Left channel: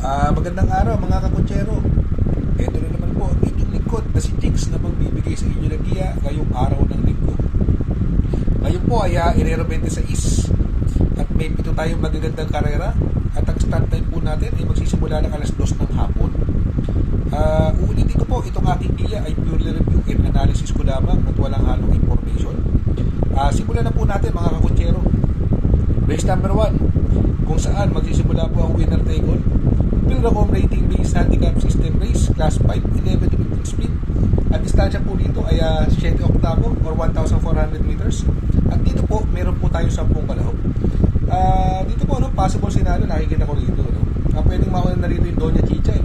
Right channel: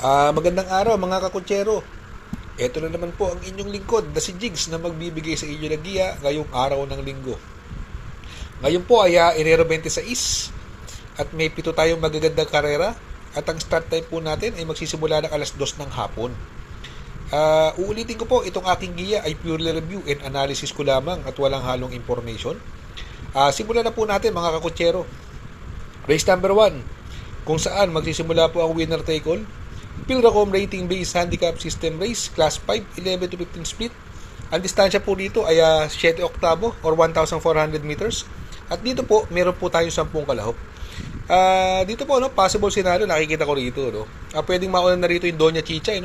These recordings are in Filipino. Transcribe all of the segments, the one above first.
Magandang araw mga kakutsero. Ito na naman po ang inyong lingkod na si Jigs na magbibigay sa inyo ng giya ngayong araw ng linggo. Ngayon po ay Enero 26 at may 7 tayong magagandang karera at ang start time po natin ay magsisimula ng alas 2 ng hapon. Uulitin ko po, itong aking giya ay purely review and analysis ko lamang at walang halong information. Simulan na po natin mga kakutsero. Race number 1, kung saan magsisimula po ang winner take all. Pilracom rating based handicap system race, class 5, 11 to 15 split. Ang distansya po dito ay 7 oktavo or 1,400 meters. At dito po, meron po tayo 10 kalahok. Dito po, possible scenario, nakikita ko rito. Pwedeng mauna na rito yung Doña Chichay,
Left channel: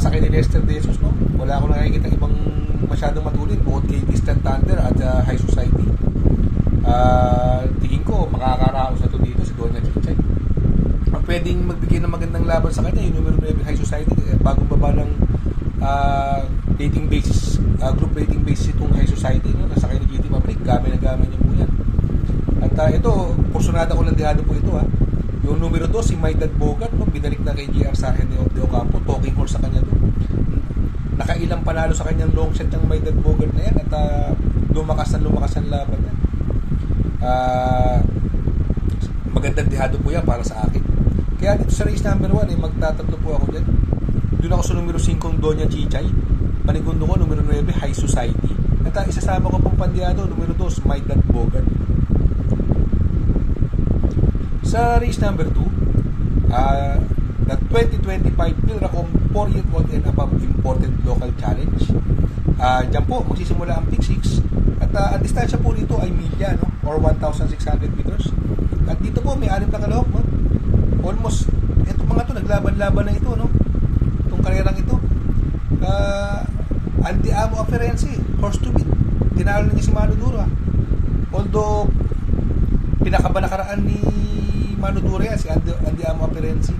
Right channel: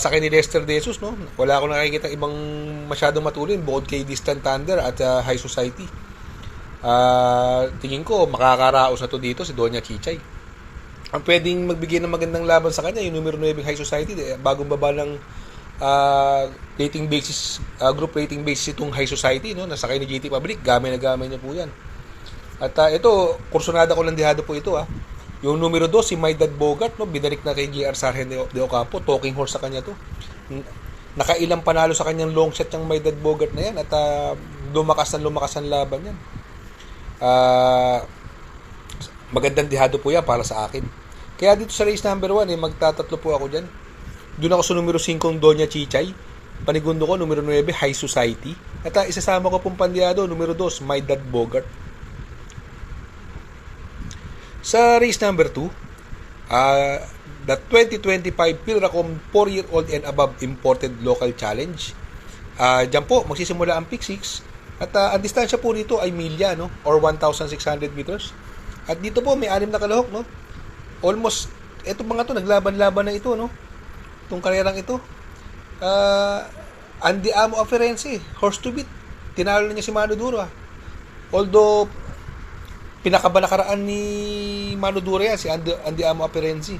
sa kay ni Lester De Jesus, wala akong nakikita ibang masyadong matulin bukod kay Distant Thunder at High Society. Tingin ko, makakaraos na to dito si Doña Chichay. Ang pwedeng magbigay ng magandang laban sa kanya yung numero 9 High Society, bagong baba ng rating basis, group rating basis itong High Society, nasakay ni GT Public, gamay na gamay niya po yan. At ito, kursunada ko lang dihado po ito, yung numero 2 si My Dad Bogart, binalik na kay GR Sargent de Ocampo, talking horse sa kanya to. Nakailang panalo sa kanyang long shot yung My Dad Bogart na yan at lumakas ang laban yan. Magandang dihado po yan para sa akin. Kaya dito sa race number 1, magtatatlo po ako dyan. Doon ako sa numero 5 Doña Chichay. Panigundo ko numero 9 High Society. At isasama ko pong pandiyado numero 2 My Dad Bogart. Sa race number 2, the 2025 Pilracom 4-year-old and above imported local challenge. Diyan po magsisimula ang pick 6 at ang distansya po nito ay milya, or 1,600 meters. At dito po may 6 na kalahok, almost etong mga to naglaban-laban na ito, itong karerang ito. Andy Amo Aferense, horse to beat, tinalo na niya si Mano Duro. Although pinakaba nakaraan ni Mano Duro yan, si Andy Amo Aferense.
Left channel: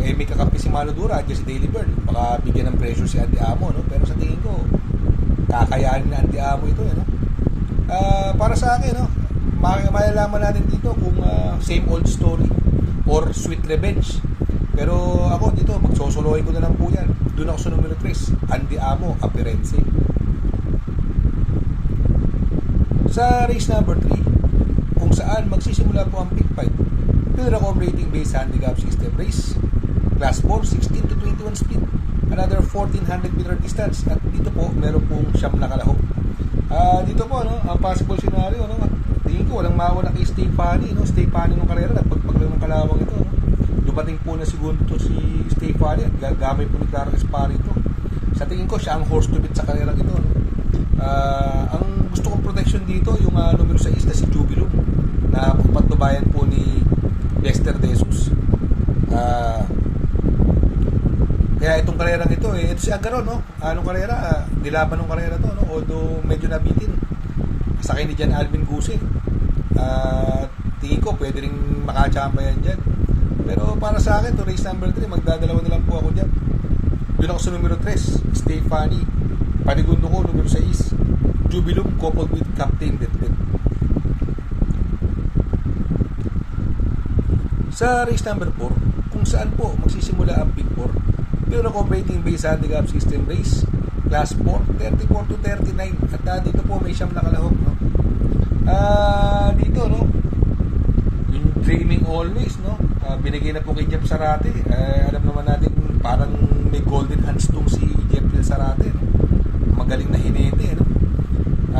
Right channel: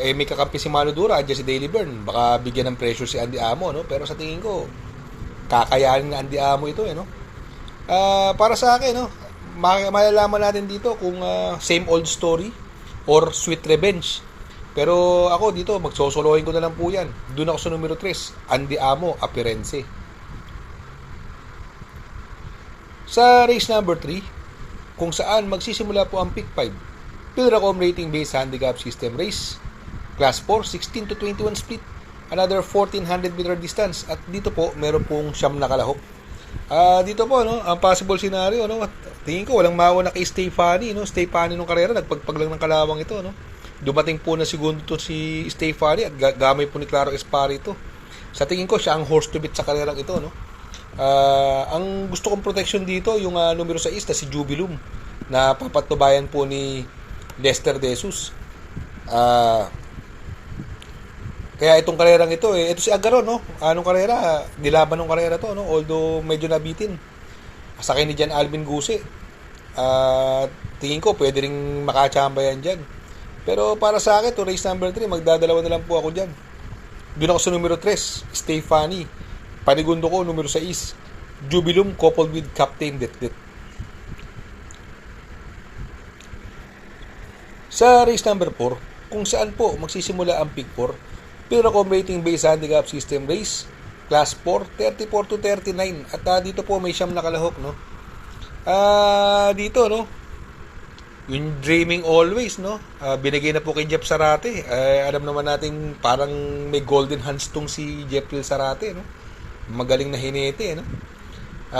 May kakampi si Mano Duro, dyan si Daily Burn, baka bigyan ng pressure si Andy Amo, pero sa tingin ko kakayanin na Andy Amo ito, para sa akin, malalaman natin dito kung same old story or sweet revenge. Pero ako dito, magsosolohin ko na lang po yan. Doon ako sa numero 3, Andy Amo Aferense. Sa race number 3, kung saan magsisimula po ang pick 5, Pilracom rating based handicap system race, class 4, 16 to 21 split, another 1,400 meter distance. At dito po meron pong 9 na kalahok. Dito po, ang possible scenario, tingin ko walang mawa na kay Stefani, Stefani nung karera, nagpagpag lang ng kalawang ito, Dumating po na segundo to si Stefani at gamay po ni Claro Esparito. Sa tingin ko siya ang horse to beat sa karerang ito, ang gusto kong protection dito yung numero 6 na si Jubilum na pagpatubayan po ni Lester De Jesus. Kaya itong karerang ito, ito si Agaro, anong karera, nilaban ng karera to, although medyo nabitin. Sakay ni Jan Alvin Guse. Tingin ko pwede ring makachamba yan dyan. Pero para sa akin, to race number 3, magdadalawa na lang po ako dyan. Doon ako sa numero 3, Stefani. Panigundo ko, numero 6, Jubilum, coupled with Captain Detdet. Sa race number 4, kung saan po magsisimula ang pick 4, Pilracom rating based handicap system race, class 4, 34 to 39. At dito po may 9 na kalahok, dito, yung Dreaming Always, binigay na po kay Jeff Sarate. Alam naman natin parang may golden hands tong si Jeffrey Sarate, magaling na hinete,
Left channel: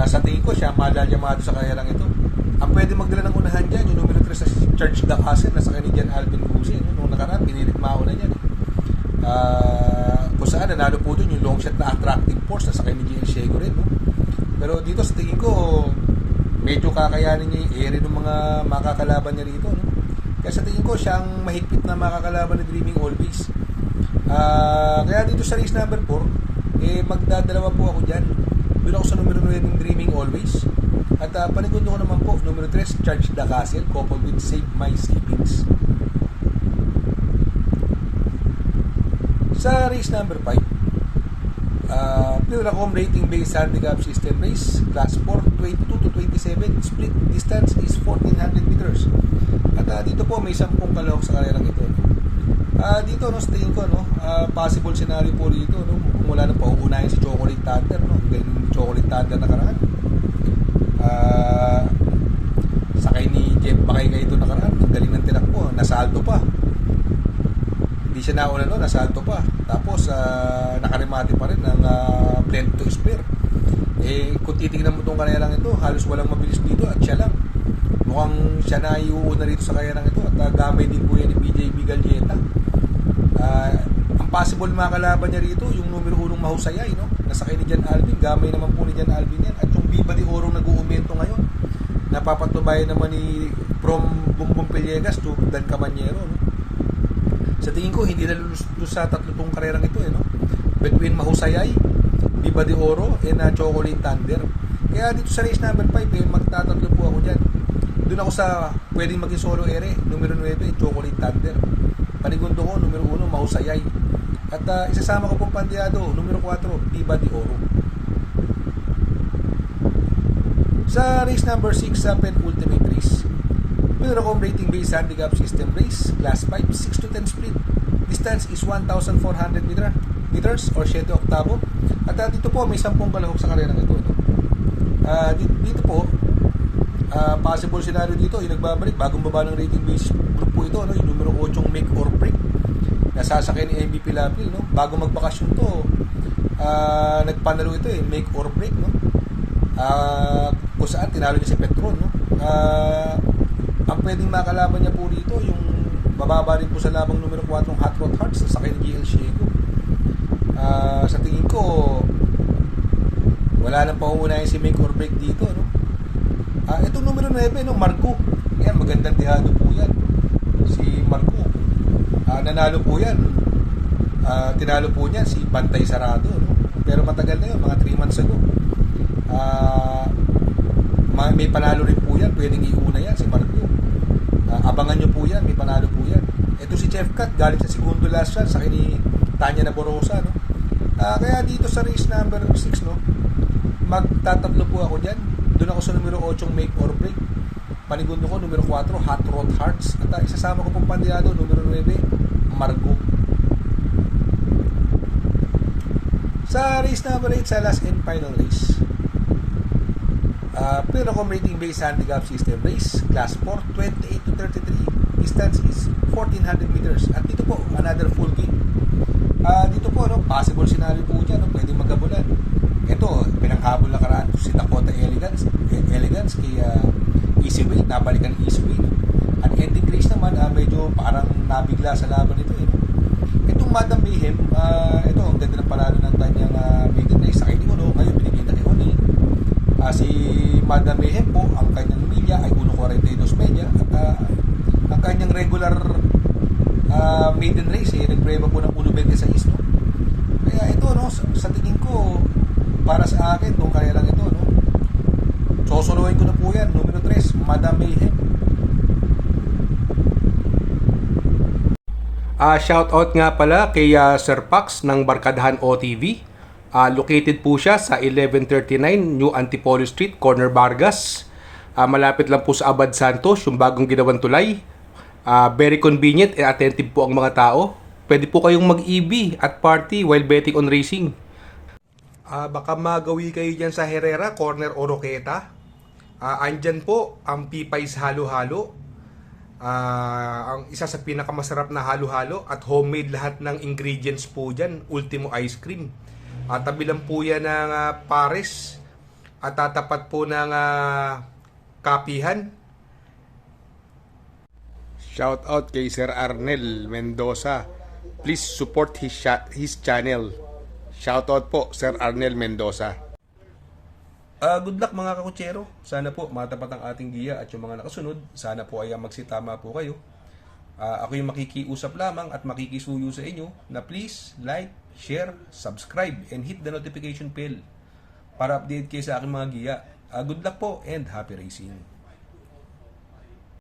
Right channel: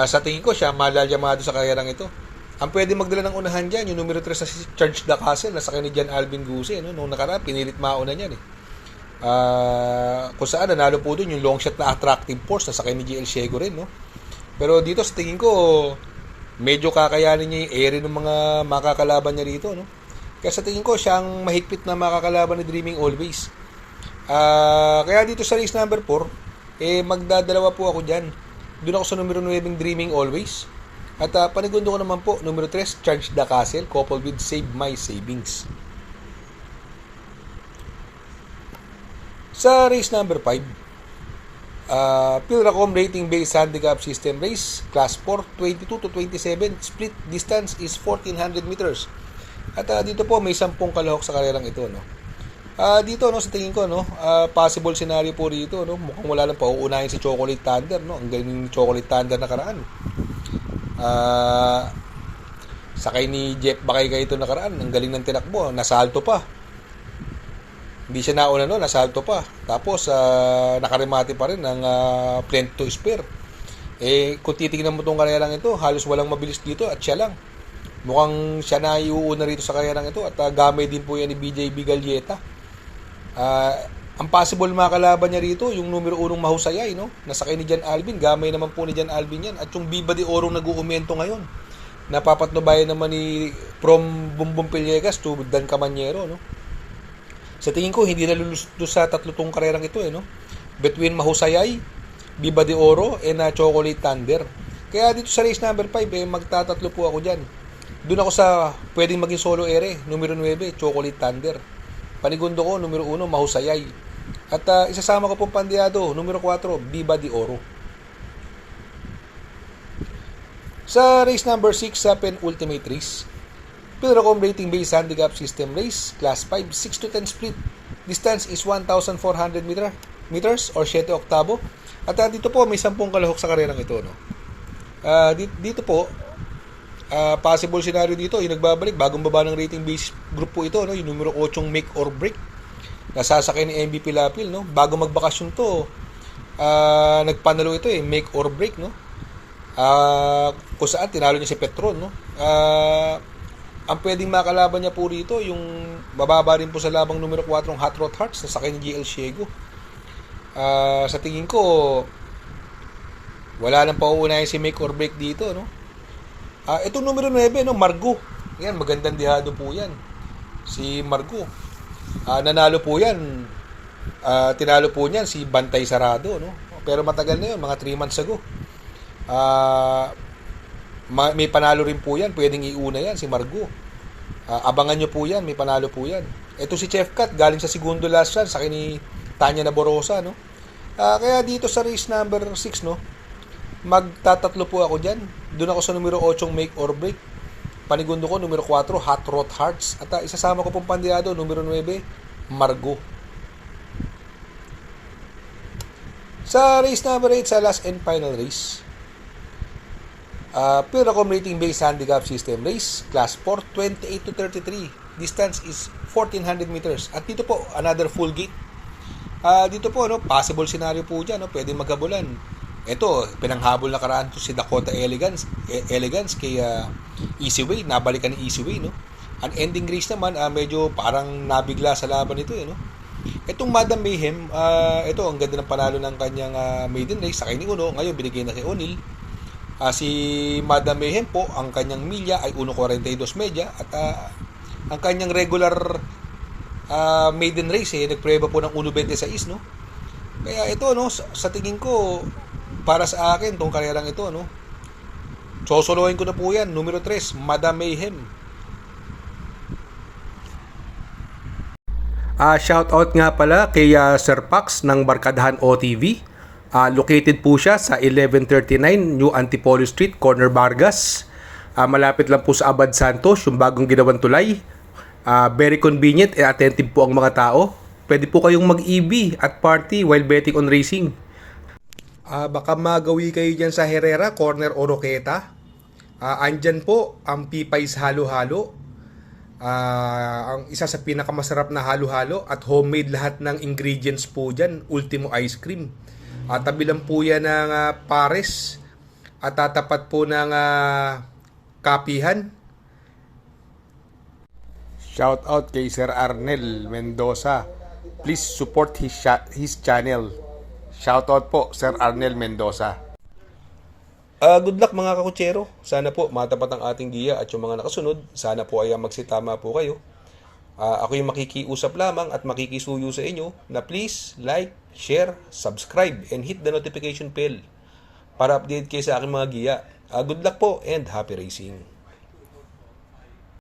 sa tingin ko siya malalyamado sa karerang ito. Ang pwede magdala ng unahan dyan yung numero 3 sa si Charge the Castle na sakay ni Jan Alvin Guse, nung nakaraan pinilit mauna niyan, kung saan nanalo po dun yung long shot na Attractive Force na sakay ni GL Shego rin, pero dito sa tingin ko medyo kakayanin niya yung area ng mga makakalaban niya rito, kaya sa tingin ko siya ang mahigpit na makakalaban ni Dreaming Always. Kaya dito sa race number 4, magdadalawa po ako dyan. Doon ako sa numero 9 Dreaming Always. At panigundo ko naman po numero 3 Charge the Castle, coupled with Save My Savings. Sa race number 5, Pilracom rating based handicap system race, class 4, 22 to 27, split distance is 1,400 meters. At dito po may 10 kalahok sa karerang ito, Dito no, sa tingin ko no, possible scenario po dito no, mukhang wala nang pauunahin si Chocolate Thunder no. Ang galing ni Chocolate Thunder nakaraan. Sakay ni Jeff Bakay ito nakaraan, ang galing ng tinakbo, nasalto pa. Hindi siya nauna no, nasalto pa. Tapos nakaremate pa rin ng plane to spare. Kung titingnan mo tong kanayalang ito, halos walang mabilis dito at siya lang. Mukhang siya na iuuna rito sa kanayalang ito at gamay din po yan ni BJB Galieta. Ang possible makalaban niya rito yung numero 1 Mahusayay no, nasakay ni Jan Alvin, gamay naman po ni Jan Alvin yan, at yung Viva de Oro nag-uumento ngayon, napapatnubayan naman ni from Bumbong Pillegas to Dan Camanyero no. Sa tingin ko hindi nalulustos sa tatlong karerang ito no, between Mahusayay, Viva de Oro and Chocolate Thunder. Kaya dito sa race number 5 magtatatlo po ako dyan. Doon ako sa pwedeng maging solo ere, numero 9 Chocolate Thunder, panigundo ko numero 1 Mahusayay, at isasama ko pong pandiado numero 4 Viva de Oro. Sa race number 6 sa penultimate race, Pilracom rating based handicap system race, class 5, 6 to 10 split. Distance is 1,400 meters or 7 oktabo. At dito po may 10 kalahok sa karerang ito no. Dito po possible scenario dito yung nagbabalik bagong baba ng rating base group po ito no, yung numero 8 Make or Break, nasasakay ni MVP Lapil no. Bago magbakasyon to nagpanalo ito Make or Break no. Kung saan tinalo niya si Petron no. Ang pwedeng makalaban niya po rito yung bababa rin po sa labang numero 4 Hot Rod Hearts na sakay ni GL Shiego. Sa tingin ko wala nang pauunahin si Make or Break dito no. Itong numero 9 no, Margo. Yan, magandang dihado po yan. Si Margo. Nanalo po yan. Tinalo po niyan si Bantay Sarado no. Pero matagal na yun, mga 3 months ago. May panalo rin po yan, pwedeng iuna yan si Margo. Abangan nyo po yan, may panalo po yan. Ito si Chef Cat, galing sa segundo last shot sa ni Tanya Naborosa no. Kaya dito sa race number 6 no, magtatatlo po ako dyan. Doon ako sa numero 8 Make or Break, panigundo ko numero 4 Hot Rod Hearts, at isasama ko pong pandiado numero 9 Margo. Sa race number 8 sa last and final race, Pilracom rating based handicap system race, class 4, 28 to 33. Distance is 1,400 meters. At dito po, another full gate. Dito po, no, possible scenario po dyan, no, pwedeng magkabulan. Ito, pinanghabol na karaan si Dakota Elegance kay Easyway, nabalikan ni Easyway, no. Ang ending race naman, medyo parang nabigla sa laban ito, no. Itong Madam Mayhem, ito, ang ganda ng panalo ng kanyang maiden race, sakay ni Uno, ngayon binigay na kay Oni. Si Madam Mayhem po, ang kanyang milya ay 1.42 media, at ang kanyang regular maiden race nagpreba po ng 1.26 no. Kaya ito no, sa tingin ko para sa akin tong karerang ito no, sosolohin ko na po yan, numero 3 Madam Mayhem. Shout out nga pala kay Sir Pax ng Barkadahan OTV. Located po siya sa 1139 New Antipolo Street, Corner Vargas. Malapit lang po sa Abad Santos, yung bagong ginawang tulay. Very convenient and attentive po ang mga tao. Pwede po kayong mag-EB at party while betting on racing. Baka magawi kayo dyan sa Herrera, Corner Oroqueta. Andyan po ang Pipay's Halo-Halo. Ang isa sa pinakamasarap na halo-halo at homemade lahat ng ingredients po dyan. Ultimo Ice Cream. Tabi lang po yan ng Pares at tatapat po ng Kapihan. Shout out kay Sir Arnel Mendoza. Please support his channel. Shout out po Sir Arnel Mendoza. Good luck mga kakutsero. Sana po matapat ang ating giya at yung mga nakasunod. Sana po ay magsitama po kayo. Ako yung makikiusap lamang at makikisuyo sa inyo na please like, share, subscribe, and hit the notification bell para update kayo sa aking mga giya. Good luck po and happy racing.